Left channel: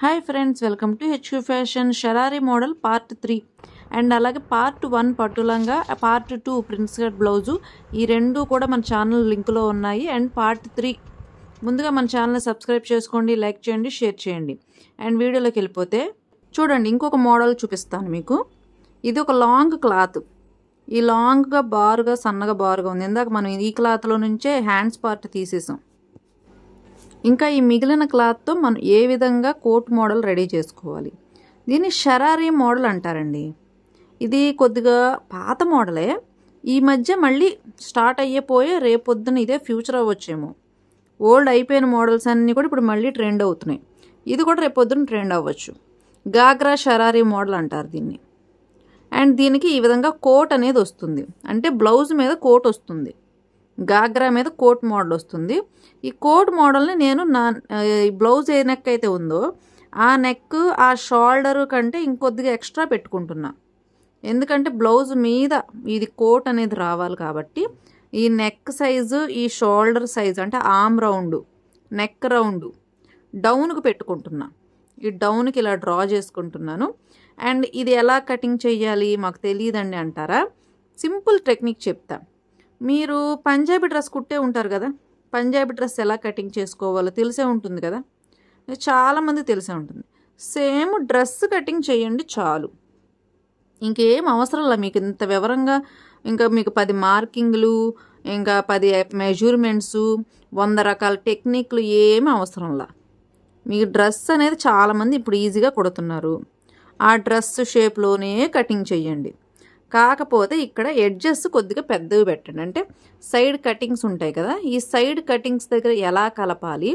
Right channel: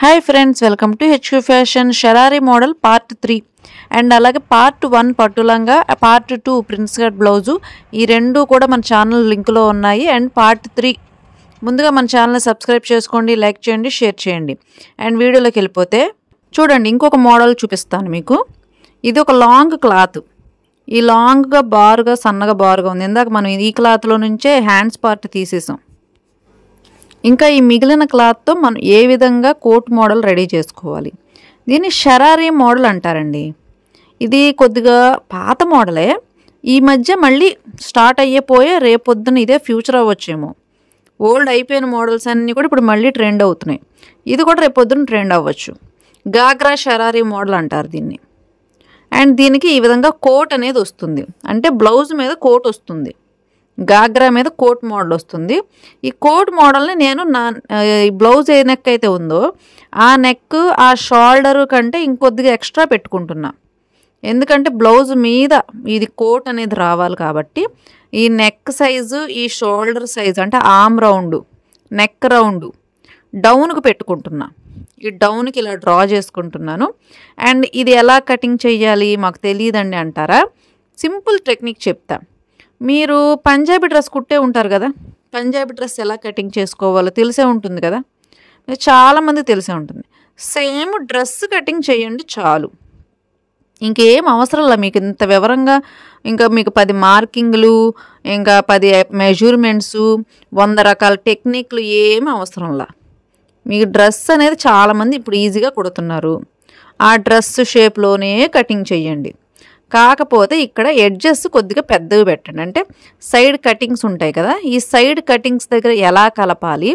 Hi friends, welcome to HQ fashion షరారీ model part 3 and అలాగే part 1 పట్టులంగా, part 2 prince cut blouse. ఈ రెండు కూడా మన ఛానల్ లింక్లో ఉన్నాయి. అండ్ పార్ట్ 3 ముందుగా మన ఛానల్ని సబ్స్క్రైబ్ చేసుకోండి, లైక్ చేయండి, షేర్ చేయండి. అండ్ వీడియోలోకి వెళ్ళిపోతే చూడండి, ఇంకొక మోడల్ చూపిస్తాను మీకు. ఇది ఒక లాంగ్ క్లాత్. ఈ లాంగ్గా బారుగా సన్నగా బారుగా ఉంది. ఇందాక మనం ఈ క్లాత్లో నుంచే హ్యాండ్స్ పార్ట్ తీసేసాం. ఇంకా ఈ మిగిలిన క్లాత్తో మనం ఏ విధంగా కోట్ మోడల్ రెడీ చేసుకోవాలి. దీన్ని షరారీ మోడల్ అంటారండి. ఇది కొద్దిగా పాత మోడలే. ఈ మధ్య మళ్ళీ స్టార్ట్ అయిపోయే రేపొద్దున ఇదే ఫ్యూచర్ అవ్వచ్చేమో. ఓల్డ్ అయిపోయిన మోడల్స్ అన్నీ కూడా ఇప్పుడు మళ్ళీ ట్రెండ్ అవుతున్నాయి. ఇది కూడా రేపొద్దున ట్రెండ్ అవ్వచ్చు. గాగ్రా షరారీ మోడల్ అంటారు దీన్ని. అండ్ దీనికి ఈ విధంగా కోట్ అనేది వస్తుంది. అంటే బ్లౌజ్ మీద కోట్ వస్తుంది, గాగ్రా మీద కోట్ మోడల్ వస్తుంది. ఈ కోట్ మోడల్ని నేను బ్లౌజ్ ఏ నెక్ అయితే ఉందో ఆ నెక్, ఆ షోల్డర్ కంటే ఇంకొద్దిగా ఎక్స్ట్రా పెట్టుకుంటున్నా. ఎందుకంటే బ్లౌజ్ మీద ఇది కోట్ అనేది రావాలి కాబట్టి ఈ నెక్ సైజు, ఈ షోల్డర్ సైజు అంటే ఆర్మ్ రౌండ్, నెక్ రౌండ్ డౌన్కి పెట్టుకుంటున్నా. ఈ డౌన్కి ఇలా డ్రా చేసుకుంటున్నాను. అండ్ ఇది ఎలా కటింగ్ చేయాలి మాకు తెలియదండి అంటారా? సింపుల్ టెక్నిక్ చెప్తా. మీరు పంజాబీ డ్రెస్ కుట్టే ఉంటారు కదా, పంజాబీ డ్రెస్ ఎలా కటింగ్ చేసుకోవాలో తెలిసే ఉంటుంది కదా, చాలామంది తెలిసే ఉంటుంది. సేమ్ డ్రెస్ కటింగ్ చేయండి చాలు, ఇంకేం అవసరం లేదు మీకు ఇంత వివరంగా. ఇంకా మీకు 10 మార్కింగ్లు, ఇంకా 10 మెజర్మెంట్స్, 100 రకాల టెక్నిక్లు ఏమీ అవసరంలా. మీకు డ్రెస్ అనేది చాలామంది ఇప్పుడు ఈజీగా కుడుతున్నారు. ఆ డ్రెస్ షేప్లోనే కటింగ్ చేయండి. కాకపోతే ఇక్కడ ఎడ్జెస్ కొద్దిగా పెద్దవి పెట్టండి. అంటే సైడ్ కటింగ్స్ ఉంటాయి కదా, ఈ సైడ్ కటింగ్స్ దగ్గర ఎలా కలపాలి,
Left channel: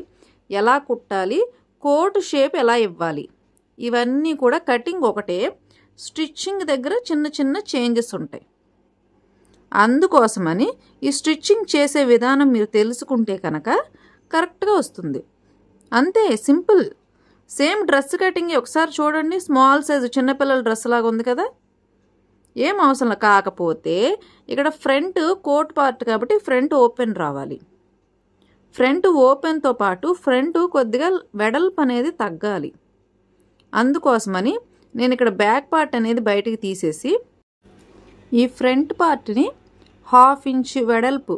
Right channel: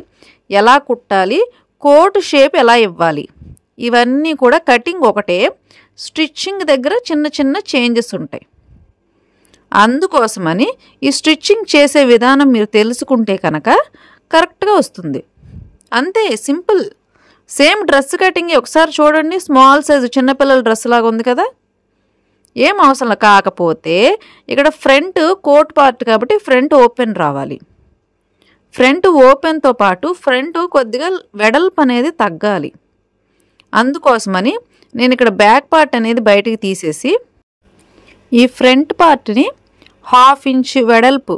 ఎలా కుట్టాలి, కోట్ షేప్ ఎలా ఇవ్వాలి, ఇవన్నీ కూడా కటింగ్ ఒకటే, స్టిచ్చింగ్ దగ్గర చిన్న చిన్న చేంజెస్ ఉంటాయి. అందుకోసమని ఈ స్టిచ్చింగ్ చేసే విధానం మీరు తెలుసుకుంటే కనుక కరెక్ట్గా వస్తుంది. అంతే, సింపుల్. సేమ్ డ్రెస్ కటింగ్ ఒకసారి చూడండి. స్మాల్ సైజు చిన్నపిల్లల డ్రెస్ లాగా ఉంది కదా, ఏం అవసరం. కాకపోతే ఇక్కడ ఫ్రంట్ కోట్ పార్ట్ కాబట్టి ఫ్రంట్ ఓపెన్ రావాలి. ఫ్రంట్ ఓపెన్తో పాటు ఫ్రంట్ కొద్దిగా వెడల్పు అనేది తగ్గాలి. అందుకోసమని నేను ఇక్కడ బ్యాక్ పార్ట్ అనేది బయటికి తీసేసి ఈ ఫ్రంట్ పార్ట్ని 1/2 ఇంచ్ వెడల్పు,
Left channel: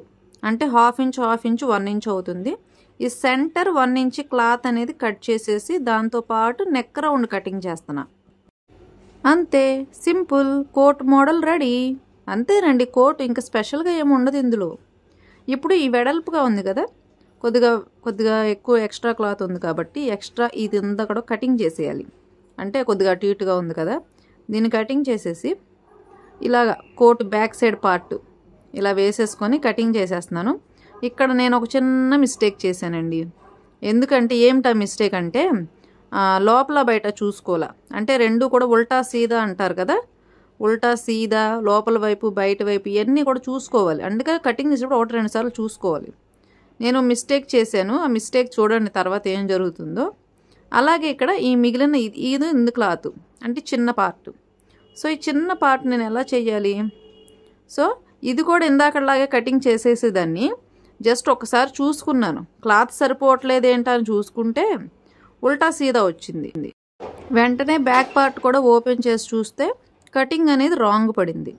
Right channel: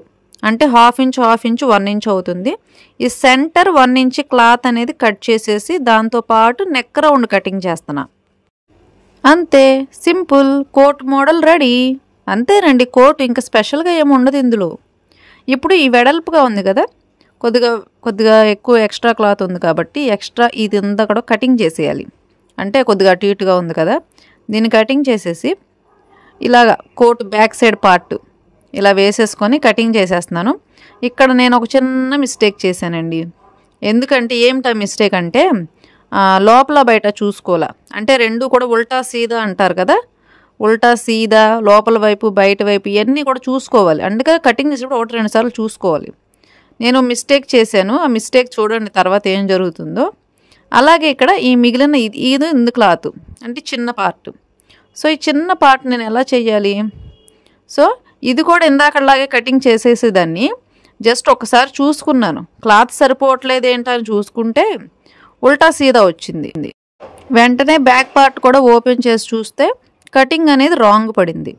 అంటే 1/2 ఇంచ్ 1 ఇంచ్ అవుతుంది. ఈ సెంటర్ 1 ఇంచ్ క్లాత్ అనేది కట్ చేసేసి దాంతోపాటు నెక్ రౌండ్ కటింగ్ చేస్తున్నా. అంతే, సింపుల్ కోట్ మోడల్ రెడీ. అంతేనండి కోట్, ఇంకా స్పెషల్గా ఏమి ఉండదు ఇందులో. ఇప్పుడు ఈ వెడల్పుగా ఉంది కదా, కొద్దిగా ఎక్కువ ఎక్స్ట్రా క్లాత్ ఉంది కాబట్టి ఎక్స్ట్రా ఇది అంతా కూడా కటింగ్ చేసేయాలి. అంటే కొద్దిగా అటు ఇటుగా ఉంది కదా, దీన్ని కటింగ్ చేసేసి ఇలాగా కోట్ బ్యాక్ సైడ్ పార్ట్ ఇలా వేసేసుకొని కటింగ్ చేసేస్తున్నాను. ఇక్కడ నేను ఒక చిన్న మిస్టేక్ చేశానండి. ఎందుకంటే ఏమిటా మిస్టేక్ అంటే లోపల బయట చూసుకోవాలా. అంటే రెండు కూడా ఉల్టా సీదా అంటారు కదా, ఉల్టా సీదా, లోపల వైపు బయట వైపు ఇవన్నీ కూడా చూసుకోవాలి. అందుకే కటింగ్ చేసేటప్పుడు 1-2 సార్లు చూసుకోవాలి. నేను మిస్టేక్ చేశాను. ఆ మిస్టేక్ చూడండి తర్వాత ఏం జరుగుతుందో. అలాగే ఇక్కడ ఈ మిగిలిన ఇది క్లాత్ అంటే చిన్న పార్ట్. సో ఈ చిన్న పార్ట్ నేను ఎలా చేయాలి? సో ఇది కూడా ఇందాకలాగే కటింగ్ చేసేసేదాన్ని. జస్ట్ ఒకసారి చూసుకున్నాను, క్లాత్ సరిపోవట్లేదు ఏంటని చూసుకుంటే ఉల్టా సీదా వచ్చింది. వెంటనే బ్యాక్ పార్ట్ కూడా ఓపెన్ చేసి చూస్తే కటింగ్ అనేది రాంగ్ పడింది.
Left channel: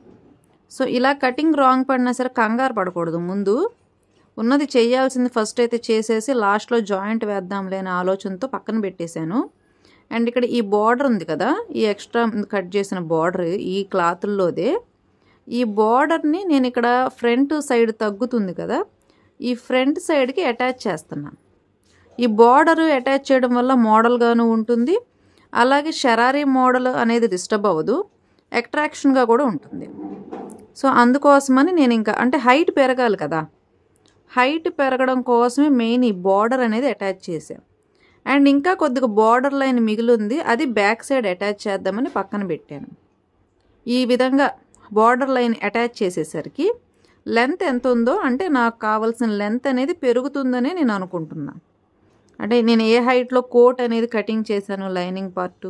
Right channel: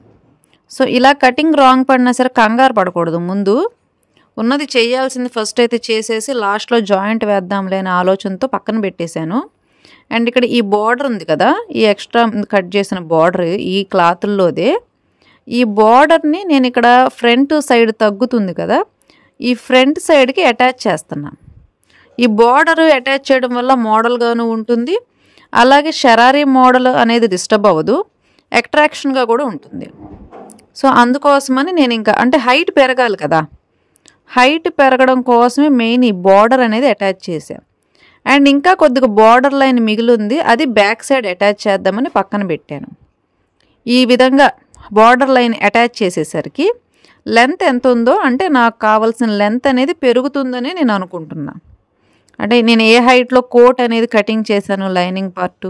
సో ఇలా కటింగ్ రాంగ్ పడినా సరే కంగారు పడకూడదు. ముందు ఉన్నది చేయాల్సింది ఫస్ట్ అయితే చేసేసి లాస్ట్లో జాయింట్ వేద్దాంలే అనే ఆలోచనతో పక్కన పెట్టేశాను. అండ్ ఇక్కడ ఈ బార్డర్ ఉంది కదా, ఈ ఎక్స్ట్రా కట్ చేసిన బార్డర్ ఈ క్లాతుల్లోదే. ఈ బార్డర్ని నేను ఇక్కడ ఫ్రంట్ సైడ్ తగ్గుతుంది కదా, ఈ ఫ్రంట్ సైడ్కి అటాచ్ చేస్తున్నాను. ఈ బార్డర్ అటాచ్ చేయడం వల్ల మోడల్గాను ఉంటుంది, అలాగే షరారీ మోడల్ అనేది డిస్టర్బ్ అవ్వదు, అట్రాక్షన్గా కూడా ఉంటుంది. సో అందుకోసమని నేను ఇంకా అంటే హైట్ పెరగాలి కదా, హైట్ పెరగడం కోసమే మెయిన్ ఈ బార్డర్ అనేది అటాచ్ చేశాను. అండ్ ఇంకా కొద్దిగా బార్డర్ లైన్ మిగిలింది, అది బ్యాక్ సైడ్ అటాచ్ చేద్దామని పక్కన పెట్టాను. ఈ విధంగా బార్డర్ లైన్ అటాచ్ చేసేసరికి లెంత్ ఎంత ఉందో, అంటే నాకు కావాల్సిన లెంత్ అనేది పెరుగుతుందని నేను అనుకుంటున్నా. అంటే నేను ఏ హైట్లో కోట్ అనేది కటింగ్ చేశాను లైనింగ్ పార్టు,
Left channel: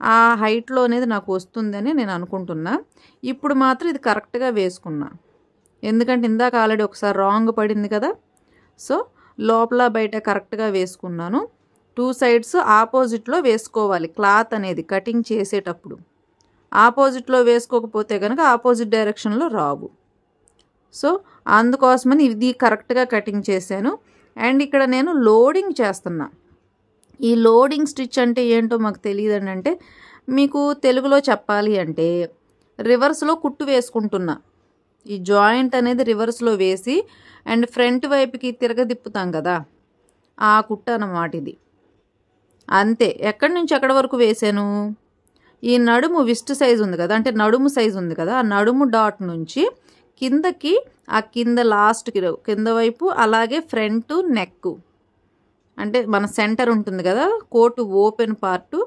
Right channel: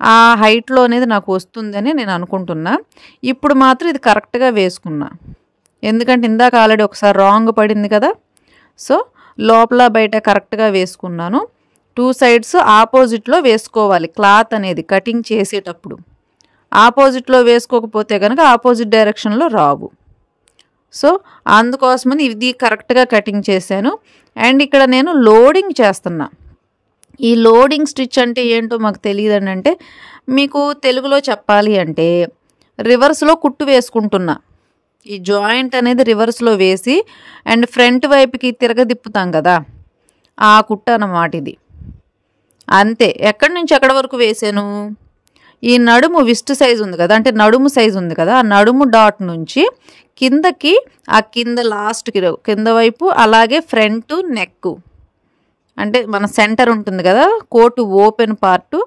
ఆ హైట్లో అనేది నాకు వస్తుందని నేను అనుకుంటున్నా. ఇప్పుడు మాత్రం ఇది కరెక్ట్గా వేసుకున్నా, ఎందుకంటే ఇందాక ఆల్రెడీ ఒకసారి రాంగ్ పడింది కదా. సో లోపల బయట కరెక్ట్గా వేసుకున్నాను. 2 సైడ్స్ ఆపోజిట్లో వేసుకోవాలి క్లాత్ అనేది కటింగ్ చేసేటప్పుడు. ఆపోజిట్లో వేసుకోకపోతే కనుక ఆపోజిట్ డైరెక్షన్లో రావు. సో అందుకోసమని ఇది కరెక్ట్గా కటింగ్ చేశాను. అండ్ ఇక్కడ నేను లోడింగ్ చేస్తున్నా. ఈ లోడింగ్ స్టిచ్ అంటే ఏంటో మాకు తెలియదండి. అంటే మీకు తెలుగులో చెప్పాలి అంటే రివర్స్లో కుట్టు వేసుకుంటున్నా. ఈ జాయింట్ అనేది రివర్స్లో వేసి అండ్ ఫ్రంట్ వైపుకి తిరగదిప్పుతాం కదా, ఆ కుట్టు అన్నమాట ఇది. అంతే. ఎక్కడి నుంచి ఎక్కడి వరకు వేసాను, ఈ నడుము విస్ట్ సైజు ఉంది కదా, అంటే నడుము సైజు ఉంది కదా, ఆ నడుము డాట్ నుంచి కిందకి, ఆ కింద లాస్ట్కి కింద వైపు, అలాగే ఫ్రంట్ నెక్, అంటే మన సెంటర్ ఉంటుంది కదా కోటు ఓపెన్ పార్టు,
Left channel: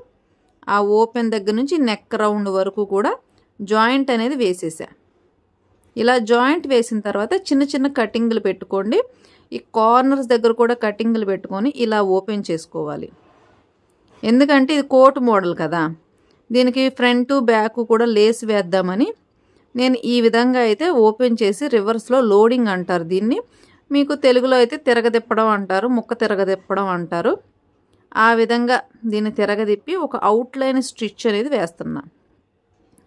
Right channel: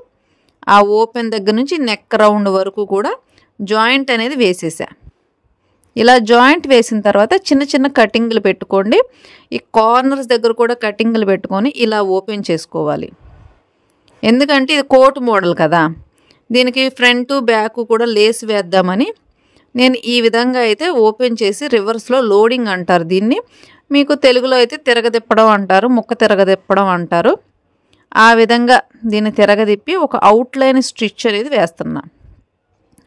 ఆ ఓపెన్ దగ్గర నుంచి నెక్ రౌండ్ వరకు కూడా జాయింట్ అనేది వేసేసా. ఇలా జాయింట్ వేసిన తర్వాత చిన్న చిన్న కటింగ్లు పెట్టుకోండి. ఈ కార్నర్స్ దగ్గర కూడా కటింగ్లు పెట్టుకొని ఇలా ఓపెన్ చేసుకోవాలి. ఎందుకంటే ఇది కోట్ మోడల్ కదా, దీనికి ఫ్రంట్ బ్యాక్ కూడా లేస్ వేద్దామని నేను ఈ విధంగా అయితే ఓపెన్ చేసి రివర్స్లో లోడింగ్ అంటారు దీన్ని. మీకు తెలుగులో అయితే తిరగదిప్పడం అంటారు, ముక్క తిరగదిప్పడం అంటారు. ఆ విధంగా దీన్ని తిరగదిప్పి ఒక అవుట్లైన్ స్టిచ్ అనేది వేస్తున్నా.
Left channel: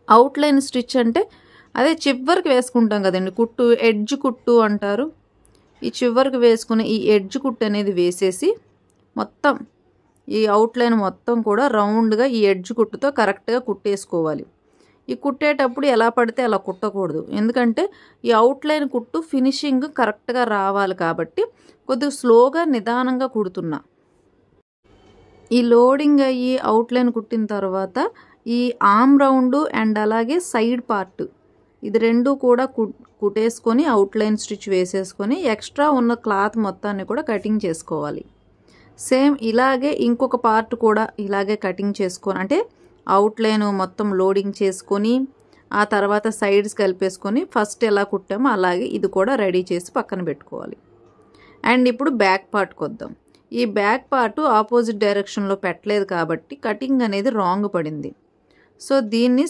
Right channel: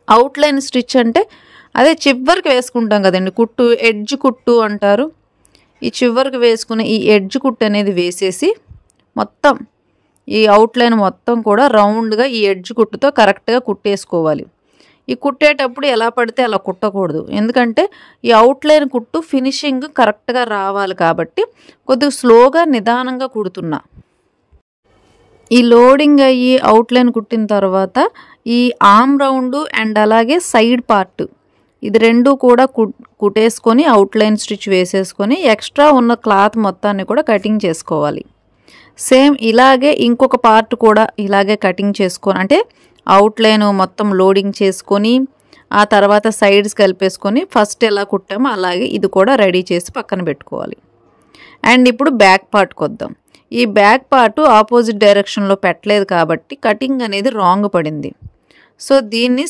అవుట్లైన్ స్టిచ్ అంటే అదే చివరికి వేసుకుంటాం కదండి కుట్టు, ఎడ్జ్ కుట్టు అంటారు. ఈ చివరికి వేసుకునే ఈ ఎడ్జ్ కుట్టు అనేది వేసేసి మొత్తం ఈ అవుట్లైన్ మొత్తం కూడా రౌండ్గా ఈ ఎడ్జ్ కుట్టుతో కరెక్ట్గా కుట్టేసుకోవాలి. ఈ కుట్టేటప్పుడు ఎలా పడితే అలా కుట్టకూడదు, ఎందుకంటే ఈ అవుట్లైన్ కుట్టు ఫినిషింగ్ కరెక్ట్గా రావాలి కాబట్టి కొద్దిగా స్లోగా నిదానంగా కుడుతున్నా. ఈ లోడింగ్ అయ్యి అవుట్లైన్ కుట్టిన తర్వాత ఈ ఆర్మ్ రౌండ్ అండ్ అలాగే సైడ్ పార్ట్ ఇది రెండు కూడా కుట్టేసుకొని అవుట్లైన్ స్టిచ్ వేసేసుకొని ఎక్స్ట్రా ఉన్న క్లాత్ మొత్తాన్ని కూడా కటింగ్ చేసుకోవాలి. సేమ్ ఇలాగే ఇంకొక పార్ట్ కూడా ఇలాగే కటింగ్ చేసుకొని, అంటే అవుట్లైన్ మొత్తం లోడింగ్ చేసుకొని ఆ తర్వాత సైడ్స్ కలిపేసుకొని ఫస్ట్ ఎలా కుట్టామో అలాగే ఇది కూడా రెడీ చేసి పక్కన పెట్టుకోవాలి. అండ్ ఇప్పుడు బ్యాక్ పార్ట్కి వద్దాం. ఈ బ్యాక్ పార్ట్ ఆపోజిట్ డైరెక్షన్లో పెట్టలేదు కాబట్టి కటింగ్ అనేది రాంగ్ పడింది. సో దీన్ని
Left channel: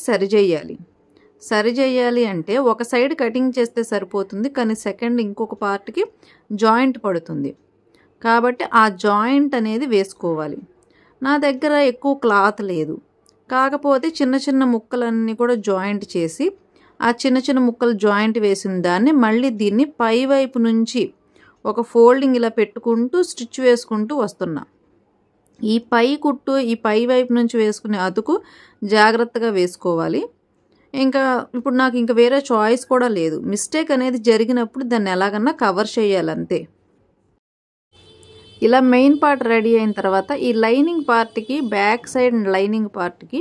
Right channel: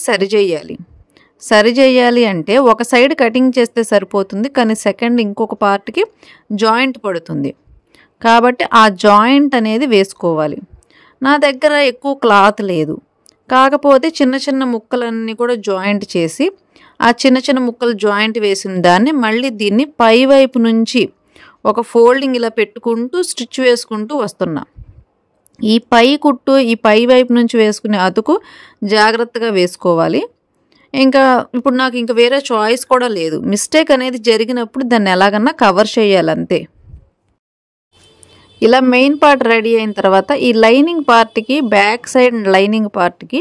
సరిచేయాలి అంటే ఒక సైడ్ కటింగ్ చేస్తే సరిపోతుంది, కానీ సెకండ్ ఇంకొక పార్ట్కి జాయింట్ పడుతుంది కాబట్టి ఆ జాయింట్ అనేది వేసుకోవాలి. నా దగ్గర ఎక్కువ క్లాత్ లేదు, కాకపోతే చిన్న చిన్న ముక్కలన్నీ కూడా జాయింట్ చేసి ఆ చిన్న చిన్న ముక్కలు జాయింట్ వేసిన దాన్ని మళ్ళీ దీన్ని పై వైపు నుంచి ఒక ఫోల్డింగ్ ఇలా పెట్టుకుంటూ స్టిచ్ వేసుకుంటూ వస్తున్నా. ఈ పై కుట్టు ఈ పై వైపు నుంచి వేసుకునే అతుకు జాగ్రత్తగా వేసుకోవాలి. ఇంకా ఇప్పుడు నాకు ఇంకా వేరే చాయిస్ కూడా లేదు. మిస్టేక్ అనేది జరిగినప్పుడు దాన్ని ఎలాగన్నా కవర్ చేయాలంతే. ఇలా మెయిన్ పార్ట్ రెడీ అయిన తర్వాత ఈ లైనింగ్ పార్ట్కి, బ్యాక్ సైడ్ లైనింగ్ పార్ట్కి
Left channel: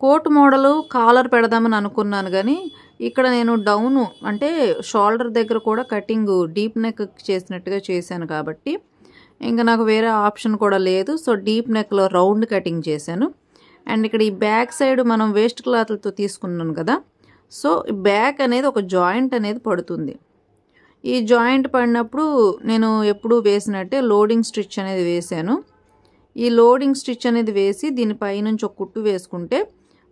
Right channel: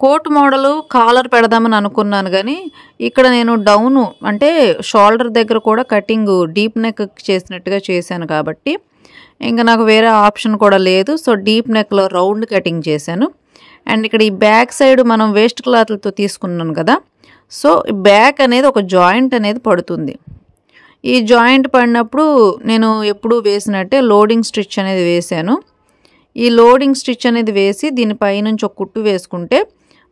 కోట్ మోడలు కాలర్ పెడదామని అనుకున్నాను, కానీ ఇక్కడ నేను డౌను అంటే షోల్డర్ దగ్గర కూడా కటింగ్ డీప్ నెక్ చేసినట్టుగా చేశాను కాబట్టి ఇంకా నాకు వేరే ఆప్షన్ కూడా లేదు. సో డీప్ నెక్లో రౌండ్ కటింగ్ చేశాను. అండ్ ఇక్కడ ఈ బ్యాక్ సైడ్ మనం వేస్ట్ క్లాత్లతో తీసుకున్నాను కదా, సో బ్యాక్ అనేది ఒక జాయింట్ అనేది పడుతుంది. ఈ జాయింట్ పడినప్పుడు నేను ఎప్పుడు వేసినట్టే లోడింగ్ స్టిచ్ అనేది వేసాను. ఈ లోడింగ్ స్టిచ్ అనేది వేసి దీనిపై నుంచి ఒక కుట్టు వేసుకుంటే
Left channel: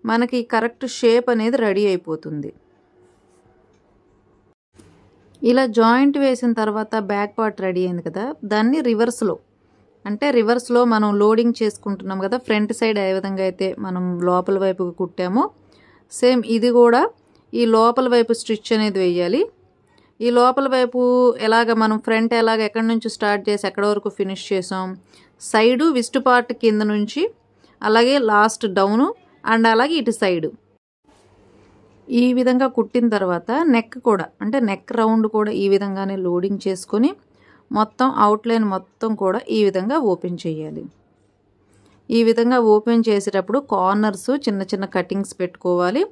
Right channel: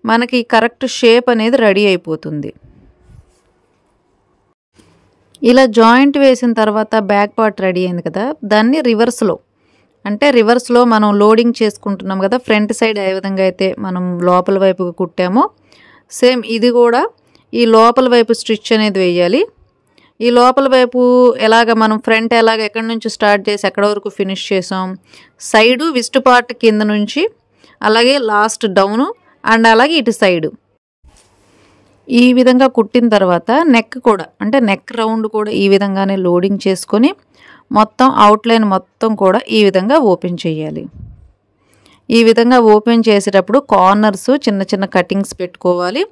మనకి కరెక్ట్ షేప్ అనేది రెడీ అయిపోతుంది. ఇలా జాయింట్ వేసిన తర్వాత బ్యాక్ పార్ట్ రెడీ అయింది కదా, దాన్ని రివర్స్లో మనం లోడింగ్ చేసుకుంటున్నాం కదా, ఫ్రంట్ సైడ్ ఏ విధంగా అయితే మనం లోపల వైపు కుట్టామో సేమ్ ఇది కూడా ఈ లోపల వైపు స్టిచ్ అనేది వేయాలి. ఈ లోపల వైపు ఎలాగ మనం ఫ్రంట్ ఎలాగ ఎక్కడి నుంచి స్టార్ట్ చేసి ఎక్కడ వరకు ఫినిష్ చేసాం, సైడు విస్ట్ పార్ట్ కింద నుంచి అలాగే లాస్ట్ డౌను అండ్ అలాగే ఇటు సైడు ఈ విధంగా కుట్టిన తర్వాత నెక్ కూడా, అంటే నెక్ రౌండ్ కూడా ఈ విధంగానే లోడింగ్ చేసుకొని మొత్తం అవుట్లైన్ మొత్తం కూడా ఈ విధంగా ఓపెన్ చేయాలి. ఈ విధంగా ఓపెన్ చేసేటప్పుడు కార్నర్స్ చిన్న చిన్న కటింగ్స్ పెట్టుకోవాలి.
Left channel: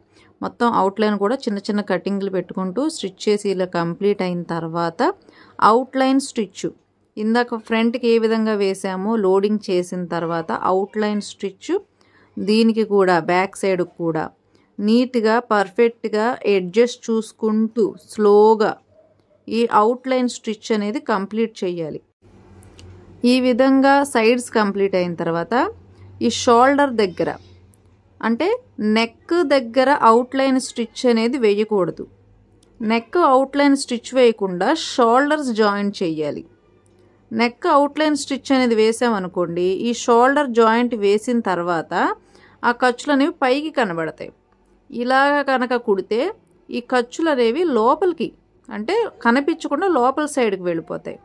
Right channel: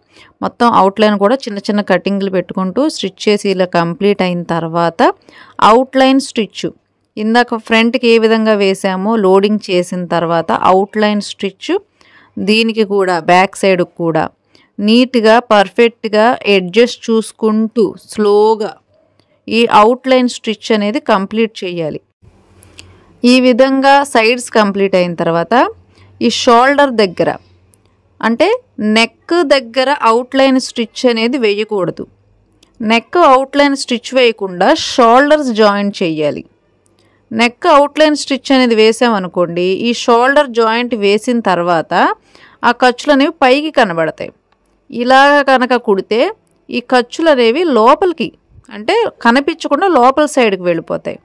మొత్తం అవుట్లైన్ కూడా చిన్న చిన్న కటింగ్లు పెట్టుకుంటూ స్టిచ్ చేసి ఇలా కంప్లీట్ అయిన తర్వాత అవుట్లైన్ స్టిచ్ ఇందాక ఫ్రంట్కి ఏ విధంగా వేసామో లోడింగ్ చేసిన తర్వాత అవుట్లైన్ స్టిచ్ దీనికి కూడా బ్యాక్ సైడ్ కూడా నీట్గా పర్ఫెక్ట్గా అడ్జస్ట్ చూసుకుంటూ స్లోగా ఈ అవుట్లైన్ స్టిచ్ అనేది కంప్లీట్ చేయాలి. ఈ విధంగా సైడ్స్ కంప్లీట్ అయిన తర్వాత ఈ షోల్డర్ దగ్గర, అంటే నెక్ దగ్గర అవుట్లైన్ స్టిచ్ అనేది వేయకూడదు. నెక్ అవుట్లైన్ స్టిచ్ వేయకుండా షోల్డర్స్ జాయింట్ చేయాలి. నెక్ అవుట్లైన్ స్టిచ్ అనేది వేసామనుకోండి, ఈ షోల్డర్ జాయింట్ వేసిన తర్వాత ఆ ఖర్చులు అనేవి పైకి కనబడతాయి. ఇలా కనుక కుడితే ఈ ఖర్చులు అనేవి లోపలికి అంటే కనిపించకుండా లోపల సైడ్కి వెళ్ళిపోతాయి.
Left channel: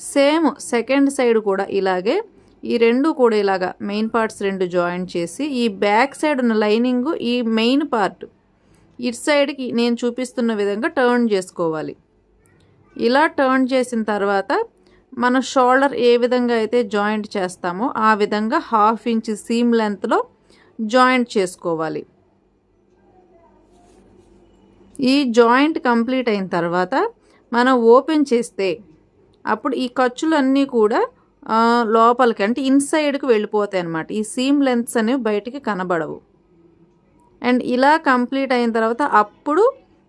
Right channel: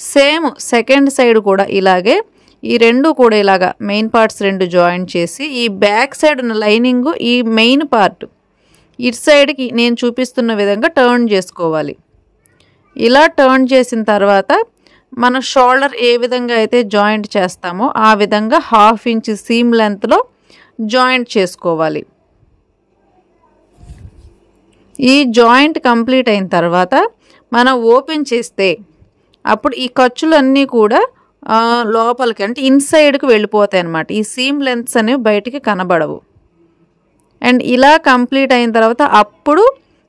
సేమ్ సెకండ్ సైడ్ కూడా ఇలాగే ఈ రెండు కూడా ఇలాగా మెయిన్ పార్ట్స్ రెండు జాయిన్ చేసి ఈ బ్యాక్ సైడ్ ఉన్న లైనింగ్ ఈ మెయిన్ పార్ట్ ఇటు సైడ్కి నేను చూపిస్తున్న విధంగా టర్న్ చేసుకోవాలి. ఇలా టర్న్ చేసిన తర్వాత మనం షోల్డర్ ఏ విధంగా అయితే జాయింట్ చేస్తామో ఆ విధంగా 1/2 ఇంచ్ సీమ్ లెంత్లో జాయింట్ చేసుకోవాలి. ఈ జాయింట్ కంప్లీట్ అయిన తర్వాత మనం ఓపెన్ చేస్తే అప్పుడు ఈ ఖర్చులన్నీ కూడా లోపలికి అంటే ఇన్సైడ్కి వెళ్ళిపోతాయి అన్నమాట. ఈ సీమ్ లెంత్స్ అనేవి బయటికి కనబడవు. అండ్ ఇలా కంప్లీట్ అయిన తర్వాత అప్పుడు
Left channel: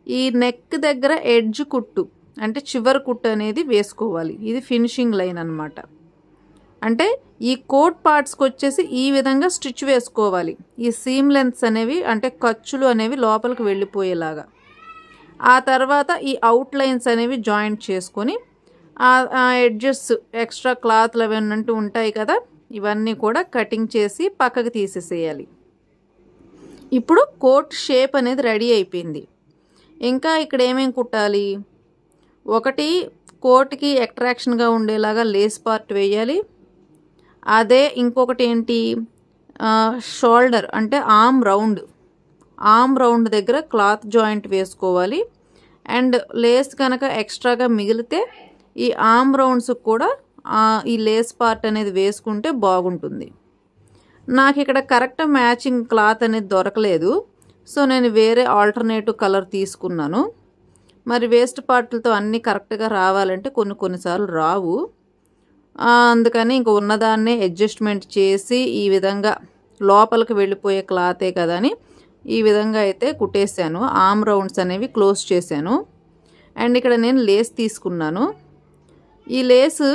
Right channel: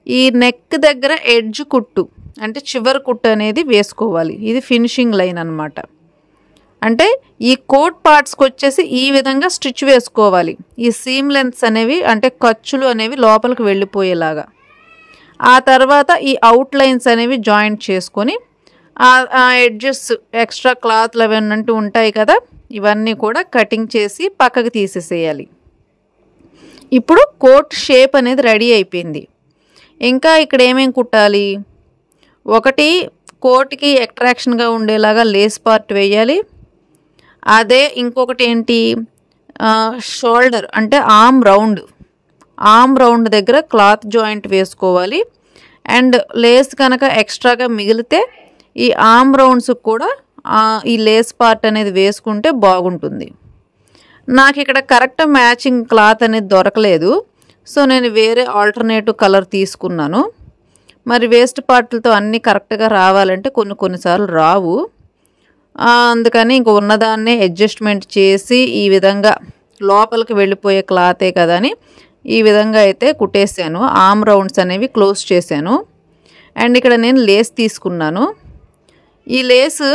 ఈ నెక్ దగ్గర ఎడ్జ్ కుట్టు అంటే చివరి కుట్టు అనేది వేసుకోవాలి. ఇది ఫినిషింగ్ లైన్ అన్నమాట. అంటే ఈ కోట్ పార్ట్స్కి వచ్చేసి ఈ విధంగా స్టిచ్ వేసుకోవాలి. ఈ సీమ్ లెంత్స్ అనేవి అంటే ఖర్చులు అనేవి లోపలికి వెళ్ళిపోయేలాగా. ఆ తర్వాత ఈ అవుట్ లైన్స్ అనేవి జాయింట్ చేసుకొని ఆ ఎడ్జెస్ ఎక్స్ట్రా క్లాత్లు అవన్నీ ఉంటాయి కదా, ఇవన్నీ కూడా కటింగ్ చేసి పక్కకి తీసేసేయాలి. ఇప్పుడు కోట్ షేప్ అనేది రెడీ అయిపోయింది. ఇంకా ఇక్కడ ఏమేమి కుట్టాలి? ఒకటి కోట్కి అట్రాక్షన్గా ఉండేలాగా లేస్ పార్ట్ వేయాలి. అదే ఇంకొకటి ఏంటి, షోల్డర్ అంటే ఆర్మ్ రౌండ్ దగ్గర క్లాత్ జాయింట్ వేసుకోవాలి. అండ్ లేస్ కనుక ఎక్స్ట్రాగా మిగిలితే ఈ ఆర్మ్ రౌండ్స్కి కూడా ఈ లేస్ పార్ట్ అనేది వేసుకుంటే బాగుంటుంది. నాకు ఇక్కడ కరెక్ట్ మ్యాచింగ్ క్లాత్ అనేది దొరకలేదు, సో నేను వేరే ఆల్టర్నేటివ్ కలర్ తీసుకున్నాను. మరి వేస్ట్ పార్ట్లతో అన్నీ కరెక్ట్గా రావాలంటే కొన్నిసార్లు రావు. అందుకని ఇంక ఉన్నదాన్నే అడ్జస్ట్మెంట్ చేసి ఈ విధంగా లోపలికి వెళ్ళిపోయే క్లాతే కదా అని ఈ విధంగా అయితే కుట్టేశాను. ఆర్మ్ రౌండ్స్ అనేవి క్లోజ్ చేశాను. అండ్ ఇక్కడ నేను లేస్ తీసుకున్నాను. ఈ లేసు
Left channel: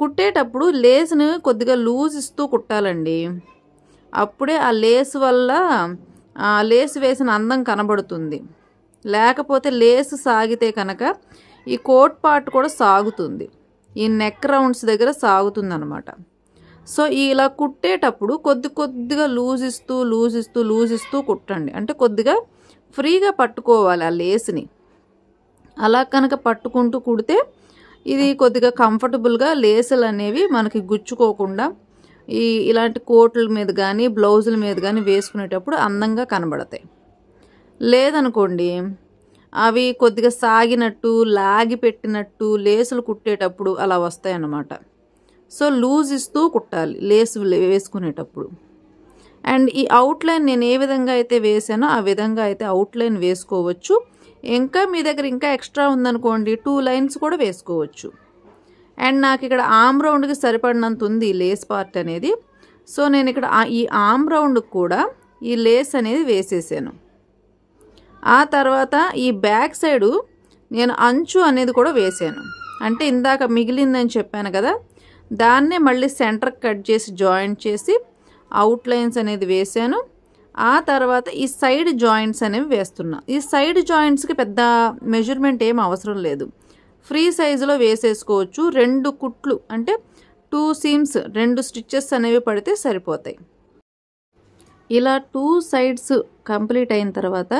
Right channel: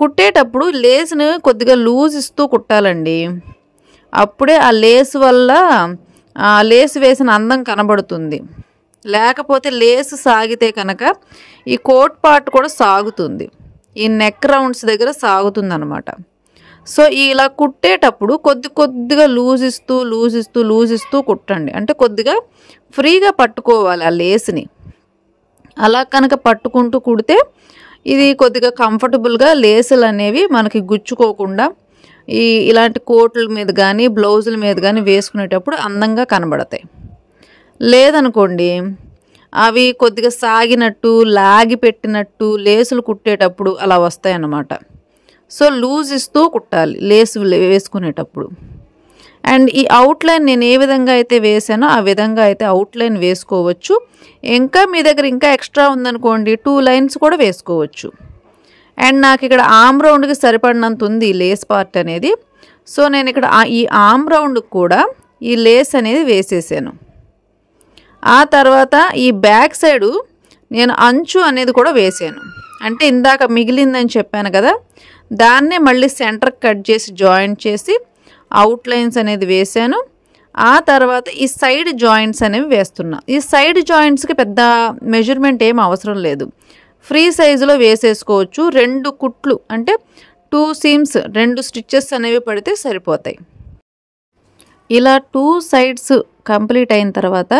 కుట్టేటప్పుడు లేస్ని కొద్దిగా లూజ్ ఇస్తూ కుట్టాలండి. అప్పుడే ఆ లేస్ వల్ల లేస్ వేసిన అందం కనబడుతుంది. లేకపోతే లేస్ సాగితే కనుక ఈ కోట్ పార్ట్ కూడా సాగుతుంది, ఈ నెక్ రౌండ్స్ దగ్గర సాగుతుంది అనమాట. సో ఇలా కుట్టేటప్పుడు కొద్దిగా లూజ్ ఇస్తూ కుట్టండి. అంటే కొద్దిగా ఫ్రీగా పట్టుకోవాలి ఆ లేస్ని. అలా కనుక పట్టుకుంటూ కుడితే ఇది కొద్దిగా కంఫర్టబుల్గా లేసులు అనేవి మనకి గుచ్చుకోకుండా ఇలాంటి కోట్ల మీద కానీ బ్లౌజుల మీద కానీ వేసుకునేటప్పుడు అందంగా కనబడతాయి. లేదనుకోండి అవి కొద్దిగా సాగినట్టు లాగి పెట్టినట్టు లేసులు కుట్టేటప్పుడు అలా వస్తాయి అన్నమాట. సో లూజ్ ఇస్తూ కుట్టాలి లేసు వేసుకునేటప్పుడు. అండ్ ఈ అవుట్లైన్ నేను ఏ విధంగా అయితే వేసానో ఆ విధంగా అయితే అవుట్లైన్ వేసుకోవచ్చు. ఇంకా మీ దగ్గర ఇంకా ఎక్స్ట్రా ఉందనుకోండి 2 లైన్స్ కూడా వేసుకోవచ్చు. అండ్ నాకు ఇక్కడ ఆర్మ్ రౌండ్కి సరిపడినంత ఉంది లేస్ పార్ట్ అనేది. సో నేను ఇక్కడ ఈ ఆర్మ్ రౌండ్కి కూడా ఈ లేస్ అనేది వేసేసాను. ఆ తర్వాత ఈ బ్యాక్ సైడు నేను అంచు అనేది కూడా వేసాను. అంటే ఇందాక మిగిలిందని చెప్పాను కదా, దాన్నే మళ్ళీ సెంటర్ కట్ చేసి జాయింట్ చేసి అవుట్లైన్స్ అనేది వేసాను. ఆ తర్వాత ఈ సైడ్ జాయింట్స్ అనేవి వేస్తున్నా. ఈ సైడ్ జాయింట్స్కి పెద్ద మెజర్మెంట్ ఏం అవసరం లేదు, ఫ్రీ సైజులో వేసేసుకోవచ్చు. 2 కుట్లు అంటే 2 సీమ్స్ 2 స్టిచ్చెస్ అనేవి పడితే సరిపోతాయి. ఇలా 2 సైడ్స్ కంప్లీట్ అయిన తర్వాత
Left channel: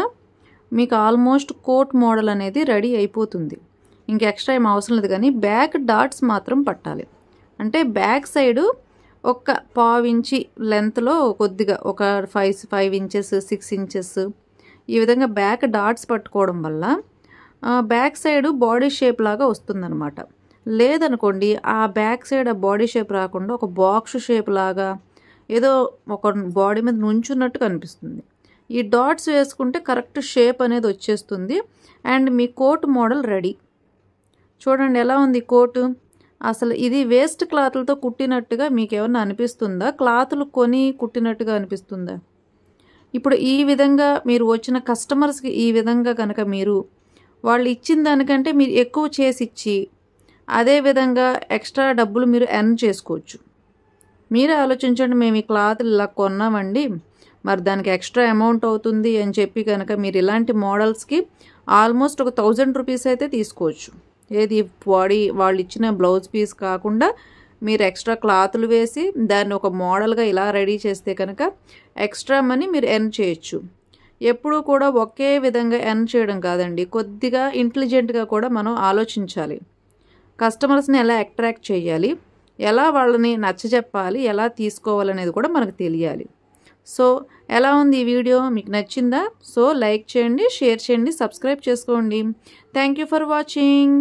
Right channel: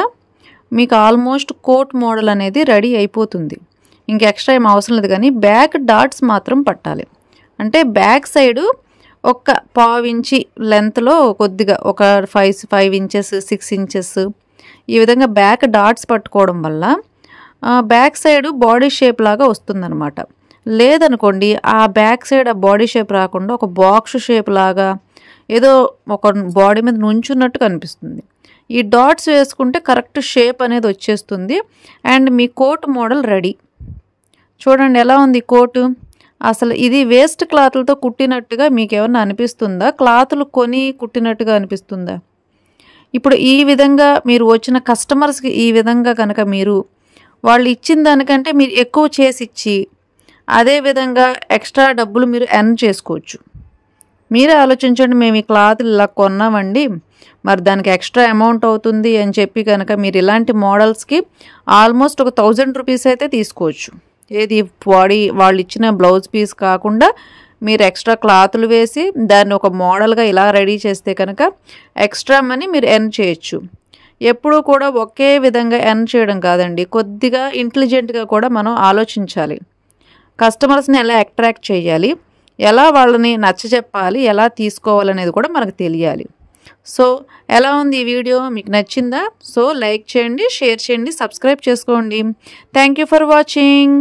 మీకు ఆల్మోస్ట్ కోట్ మోడల్ అనేది రెడీ అయిపోతుంది. ఇంక ఎక్స్ట్రా ఏం అవసరం లేదు. కానీ బ్యాక్ డాట్స్ మాత్రం పట్టాలి. అంటే బ్యాక్ సైడు ఒక 1/2 ఇంచి లెంత్లో కొద్దిగా ఒక 5 ఇంచెస్ 6 ఇంచెస్ ఈ విధంగా బ్యాక్ డాట్స్ పట్టుకోవడం వల్ల బ్యాక్ సైడ్ బాడీ షేప్ లాగా వస్తుందన్నమాట. లేదనుకోండి ఆ బ్యాక్ సైడ్ ఆ బాడీ షేప్ రాకుండా ఒక బాక్స్ షేప్ లాగా ఏదో ఒక బాడీ మీద నుంచున్నట్టు కనిపిస్తుంది. ఈ డాట్స్ వేసుకుంటే కరెక్ట్ షేప్ అనేది వచ్చేస్తుంది. అండ్ మీ కోట్ మోడల్ రెడీ. చూడండి ఎలా ఉంది కోటు. అసలు ఇది వేస్ట్ క్లాత్లతో కుట్టినట్టుగా మీకు ఏమన్నా అనిపిస్తుందా? క్లాతులు కొని కుట్టినట్టుగా అనిపిస్తుందా? ఇప్పుడు ఈ విధంగా మీరు వచ్చిన కస్టమర్స్కి ఈ విధంగా కనుక మీరు వాళ్ళు ఇచ్చిన దానికంటే మీరు ఎక్కువ చేసి ఇచ్చి అదేవిధంగా ఎక్స్ట్రా డబ్బులు మీరు ఎర్న్ చేసుకోవచ్చు. మీరే ఆలోచించండి, మేము ఈ క్లాతులు ఇలా కొన్నామండి, మరి దానికి ఎక్స్ట్రా అమౌంట్ అవుతుంది అని చెప్పి కనుక మీరు ఇలాంటి మోడల్స్కి ఆల్మోస్ట్ ఒక 1000 రూపీస్ అయితే తీసుకోవచ్చు. ఏది బాడీ వాళ్ళు ఇచ్చిన బ్లౌజ్ పీస్ కాకుండా మీరు ఎక్స్ట్రా క్లాతులు వేసి దాన్ని ఒక మోడల్గా ఇలా రెడీ చేస్తే కనుక ఎక్స్ట్రా మనీ మీరు ఎర్న్ చేయొచ్చు. ఎప్పుడూ కూడా ఒకే విధంగా ఎర్న్ చేయడం కాదండి, కొద్దిగా ఇంటెలిజెంట్గా కూడా మనం ఆలోచించాలి. కస్టమర్స్ని ఎలా అట్రాక్ట్ చేయాలి, ఎలా వాళ్ళని నచ్చజెప్పాలి, ఎలా తీసుకోవాలనేది కూడా మనకు తెలియాలి. సో ఎలా ఉంది ఈ వీడియో, మీకు నచ్చిందా? సో లైక్ చేయండి, షేర్ చేయండి, సబ్స్క్రైబ్ చేసుకోండి. Thank you for watching.